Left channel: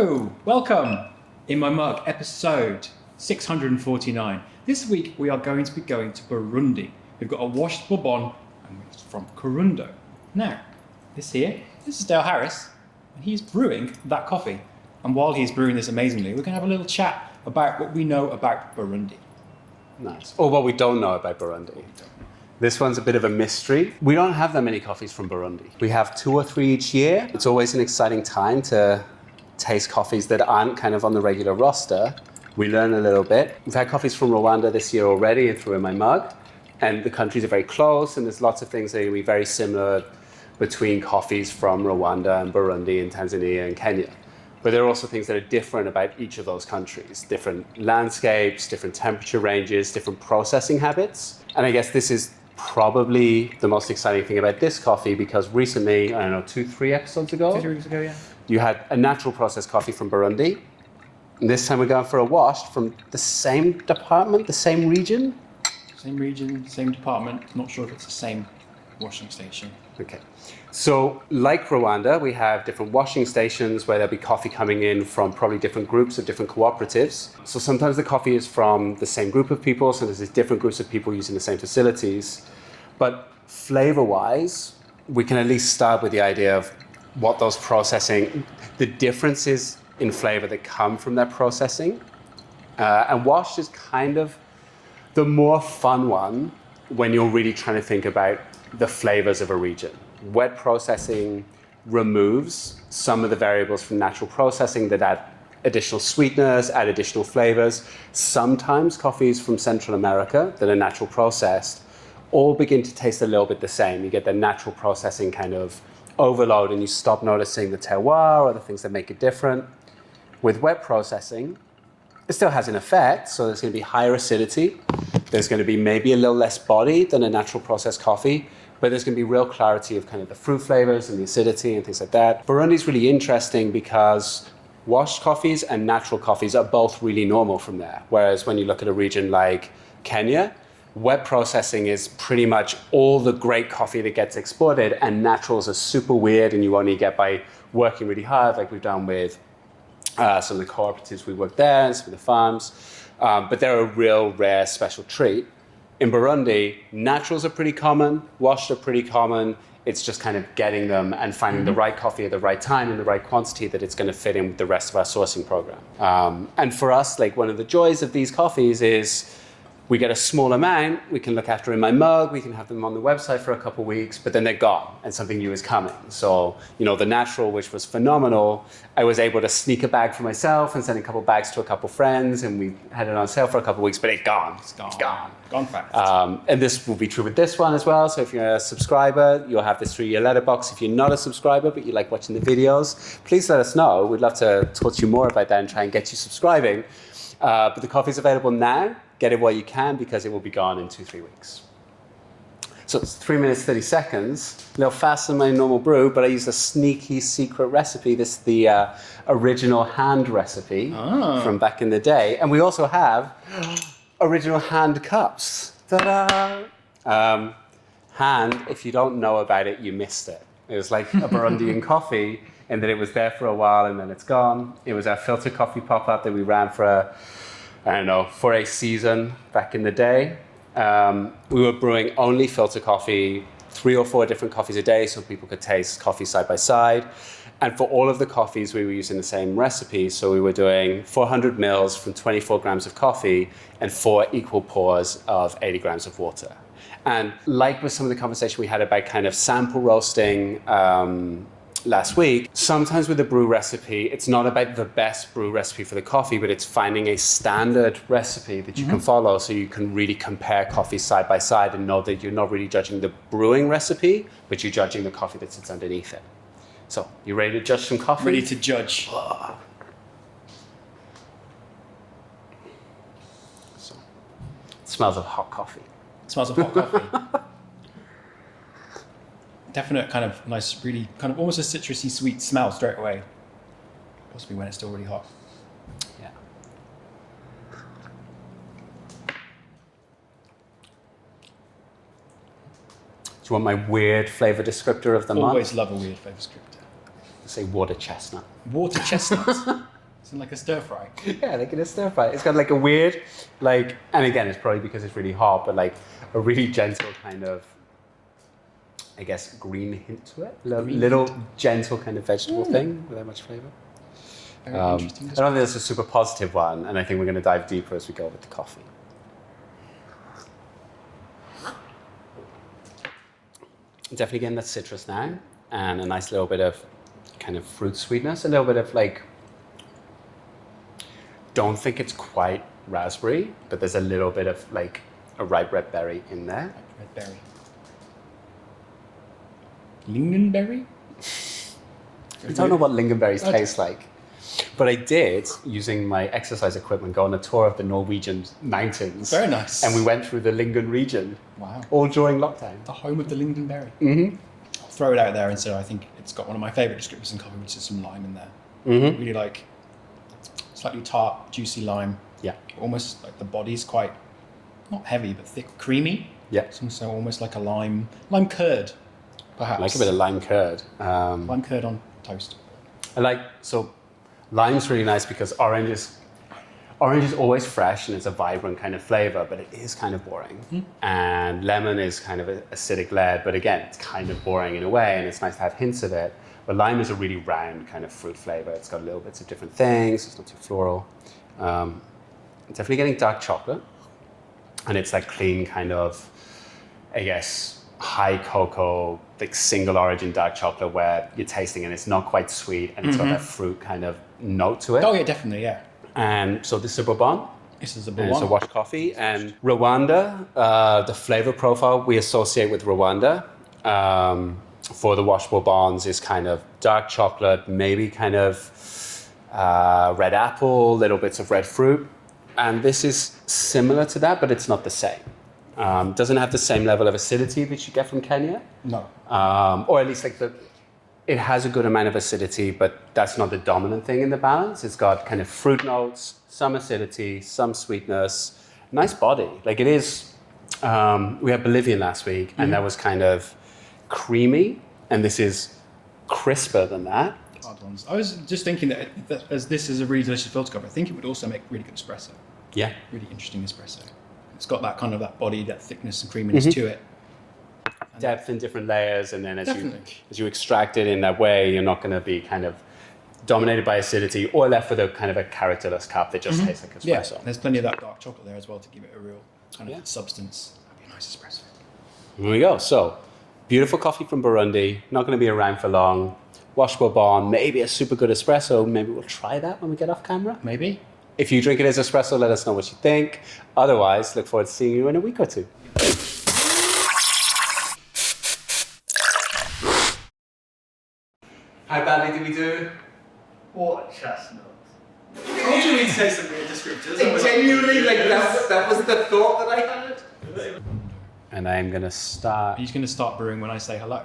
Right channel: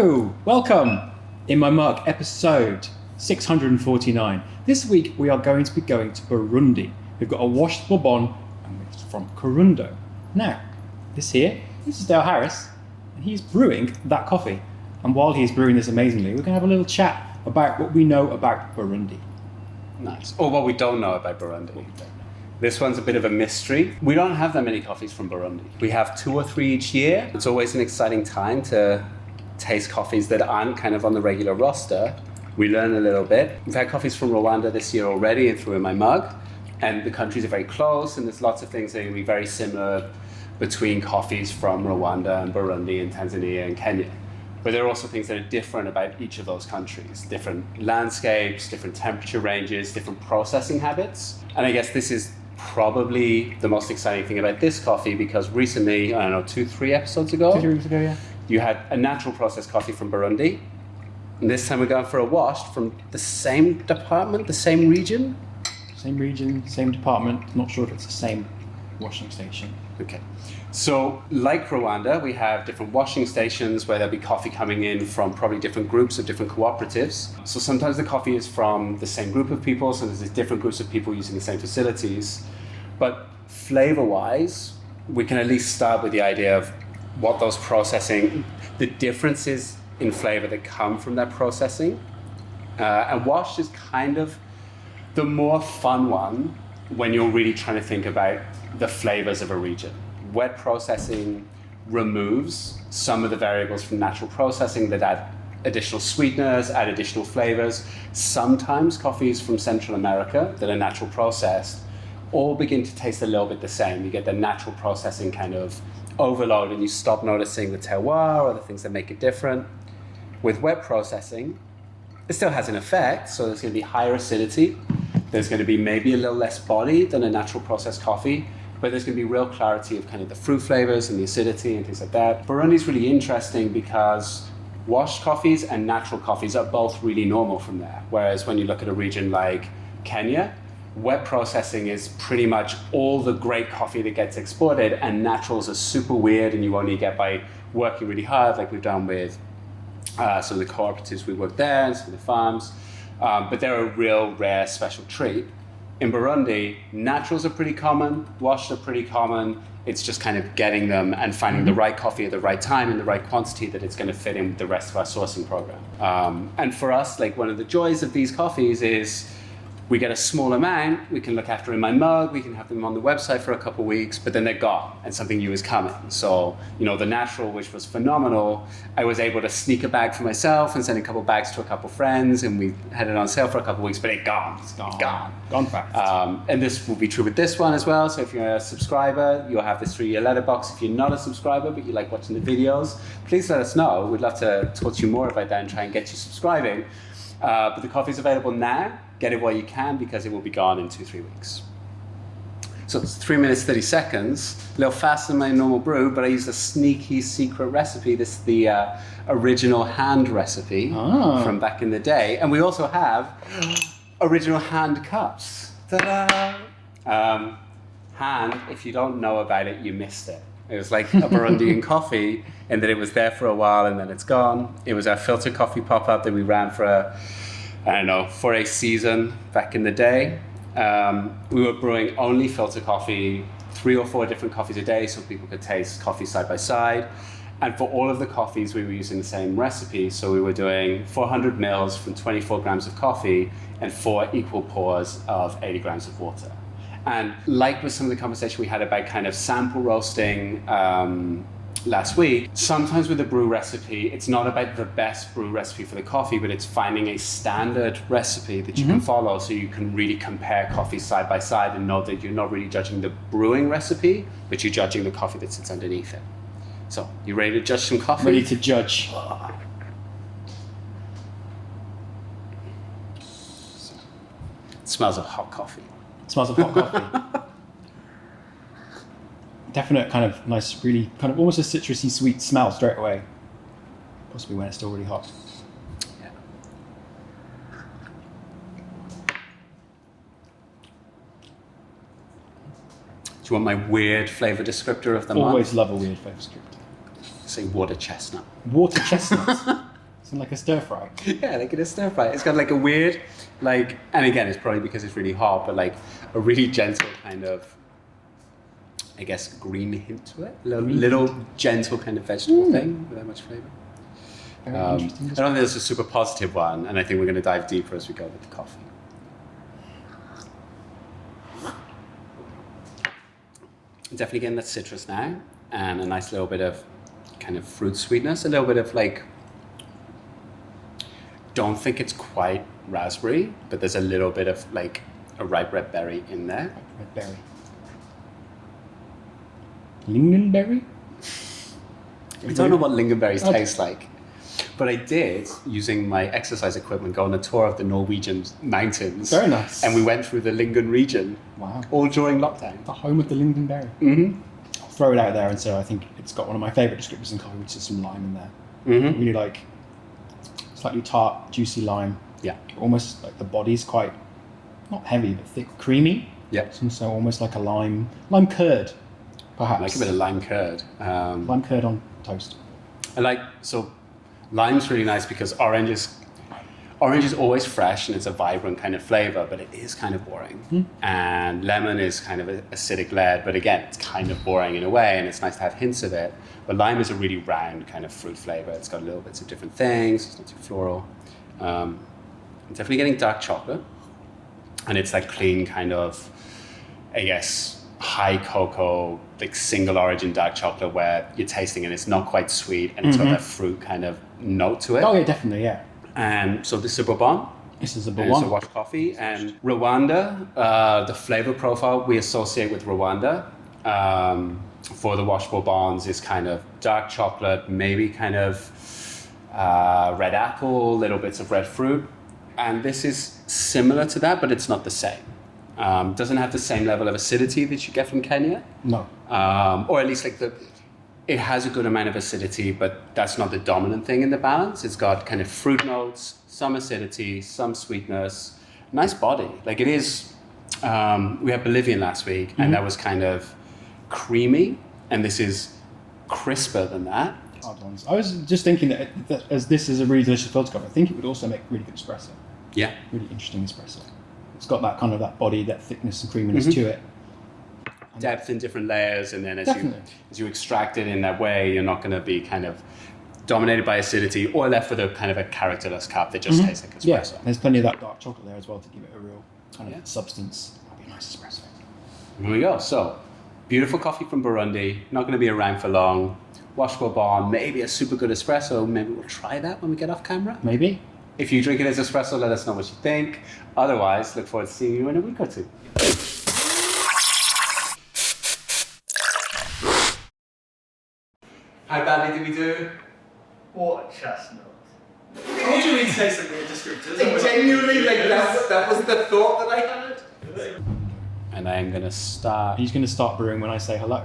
Hello, welcome. In My Mug, episode 649. This week we are going to Burundi. We've got a washed Bourbon and it's from Kirundo. Now, this is Dale Harris, and he's brewing that coffee. And while he's brewing this amazingly, we're going to have a little chat about what we know about Burundi. Nice. Or what we don't know about Burundi. This one's a bit of a mystery. We don't have that many coffees from Burundi. We have 2 or 3 each year. It's always an exciting time to taste coffees that aren't kind of on the regular roster. We learn a little bit. We've had coffees from Rwanda this year already and through In My Mug. And the countries are very close, and there's lots of things that are going to be very similar between coffees from Rwanda and Burundi and Tanzania and Kenya. But there are also things that are different about each of those countries. Different landscapes, different temperature ranges, different processing habits. And I guess this is probably the most exciting thing about this coffee, because recently, 2-3 episodes ago, 2 weeks ago, yeah. You had a natural processed coffee from Burundi. And this time we're going for a washed from the same department, the same region? Same region, same department. Not sure if it's the same washing station. Okay. So, like Rwanda, we have different washing stations where there'll be coffee coming in from probably different groups or different cooperatives. So sometimes the coffee is from the same group of people, so there's different groups of people using the same facilities. But flavor-wise, we can at least start with the idea of what those processing, the differences in flavor that come from that processing. And washed is kind of the more fun one when you're really trying to think about the flavors of a region. Wet processing removes some of the variables from natural processing that add additional sweeteners, add additional flavors. Sometimes coffees from Central America that are natural processed all begin to taste a little bit the same. You get the natural processing kind of overload and you stop noticing the terroir or the things that make it different. With wet processing, it still has an effect, so there's going to be higher acidity. There's going to be maybe a little less body than a natural processed coffee, but there's going to be real clarity of kind of the fruit flavors and the acidity and things like that. Burundi's really interesting because washed coffees and natural coffees are both really normal from there. Whereas when you look at a region like Kenya, wet processing is pretty much all the great coffee that gets exported, and naturals are super weird and you only get by working really hard, like we've done with some of the cooperatives we work there and some of the farms. But they're a real rare special treat. In Burundi, naturals are pretty common, washed are pretty common. It's just kind of getting them and finding the right coffee at the right time in the right quantity that it's going to fit in with the rest of our sourcing program. And for us, like one of the joys of these coffees is we get a small amount, we can look after In My Mug, we can have them on the website for a couple of weeks, but then they're gone and something new is coming. So, the natural, which was phenomenal, I was able to sneak a bag for myself and send a couple bags to a couple friends, and we had it on sale for a couple of weeks, but it's gone. It's gone. Gone fast. And this will be true with this one as well. So if you're a subscriber, you'll have this through your letterbox. If you're not a subscriber, but you like watching the videos, please let us know. We'd love to talk to you more about that and try and get you subscribing. But the coffee's available now. Get it while you can, because it will be gone in 2-3 weeks. So it's 3 minutes, 30 seconds. A little faster than my normal brew, but I used a sneaky secret recipe. This is the original hand recipe from back in the day. And we also have original hand cups. Ta-da! Hand, if you don't know about it, you missed it. It was like a Burundian coffee, and then it was there for a while, and then it's gone. It was our filter coffee pop-up that we ran for for a season back in the day. We were brewing only filter coffee, 3 or 4 different coffees a day, so people could taste coffee side by side. And for all of the coffees, we were using the same recipe. So we were doing 400 mils from 24 grams of coffee and 4 equal pours of 80 grams of water. And like with some of the conversation we had about kind of sample roasting last week, sometimes with a brew recipe, it's not about the best brew recipe for the coffee, but it's finding a standard recipe that you can follow so you can really compare coffees side by side and know that you're not really judging the brewing recipe, but you're judging the coffee that sits underneath it. So, you ready to judge some coffee? Ready to judge. So, it smells of hot coffee. It smells of hot coffee. Definite kind of nice, really kind of almost a citrusy sweet smell straight away. Possibly when it's still really hot. Yeah. Do you want my weird flavor descriptor of the month? Always love a weird flavor descriptor. Say water chestnut. Water chestnut. It's like a stir fry. Yeah, like in a stir fry. It's got like a weird, like, and again, it's probably because it's really hot, but like a really gentle kind of, I guess, green hint to it. Little gentle kind of vegetable thing without much flavour. Very interesting. I don't think it's a super positive one, and I think we're going to dive deeper as we go with the coffee. Definitely getting that citrus now, and a nice little bit of kind of fruit sweetness, a little bit of like, don't think it's quite raspberry, but there's a little bit of like a ripe red berry in there. Red berry. Lingonberry? I don't know what lingonberries taste like, but I did, using my exercise equipment, go on a tour of the Norwegian mountains. Very nice. And we went through the Lingon region. Wow. All during lockdown. The home of the lingonberry. Mm-hmm. I'll throw it out there and say I think it's got one of my favourite descriptors in coffee, which is some lime in there. Mm-hmm. Really like slightly tart, juicy lime. Yeah. Almost like the body's quite, not heavy, but thick, creamy. Yeah. So almost like a lime curd, perhaps. I like a bit of lime curd. Lime curd on toast. So lime's really nice because orange is always fresh and it's a vibrant kind of flavor, but it is kind of boring. And lemon is kind of acidic led, but again, it's kind of boring in a way, and it's nice to have hints of it. But lime is a really round kind of fruit flavor. It's got little bits of different things. It's not too floral. I'm definitely getting dark chocolate, and it's that clean kind of, I guess, high cocoa, like single origin dark chocolate where you're tasting it, it's not quite sweet, and it's got that fruit kind of note to it. Oh yeah, definitely, yeah. And so this is a Bourbon. This is a And Bourbon. it's a washed coffee. And Rwanda, the flavor profile we associate with Rwanda for the washed Bourbons is kind of dark chocolate, maybe kind of red apple, little bits of red fruit. And this is similar to that, but it's not the same. Doesn't have the same level of acidity that you get from Kenya. No. Or at least like it has a good amount of acidity, but that's not the dominant thing in the balance. It's got kind of fruit notes, some acidity, some sweetness, nice body. Like it is, we had Bolivian last week, and that was kind of creamy, and this is crisper than that. I was just thinking that as this is a really delicious filter cup, I think it would also make really good espresso. Yeah. Really interesting espresso. It's got that kind of that body, that thickness and creaminess to it. Depth in different layers, and then as you extract it in that way, you're not going to be kind of dominated by acidity or left with a kind of a characterless cup that just tastes like espresso. Yeah, there's plenty of that dark chocolate there as well to give it a real kind of substance. That'd be a nice espresso. There we go. So, beautiful coffee from Burundi. Not going to be around for long. Wash Bourbon, maybe a super good espresso. Maybe we'll try that when we get off camera. Maybe. If you drink it as espresso, let us know what you think. Otherwise, look forward to seeing you in a week or two. How badly did we do? What chestnut? How do you mean say something in descriptors? Genuinely, like that was the thought that I had. And I'm gonna start. He's going to start brewing when I say hello.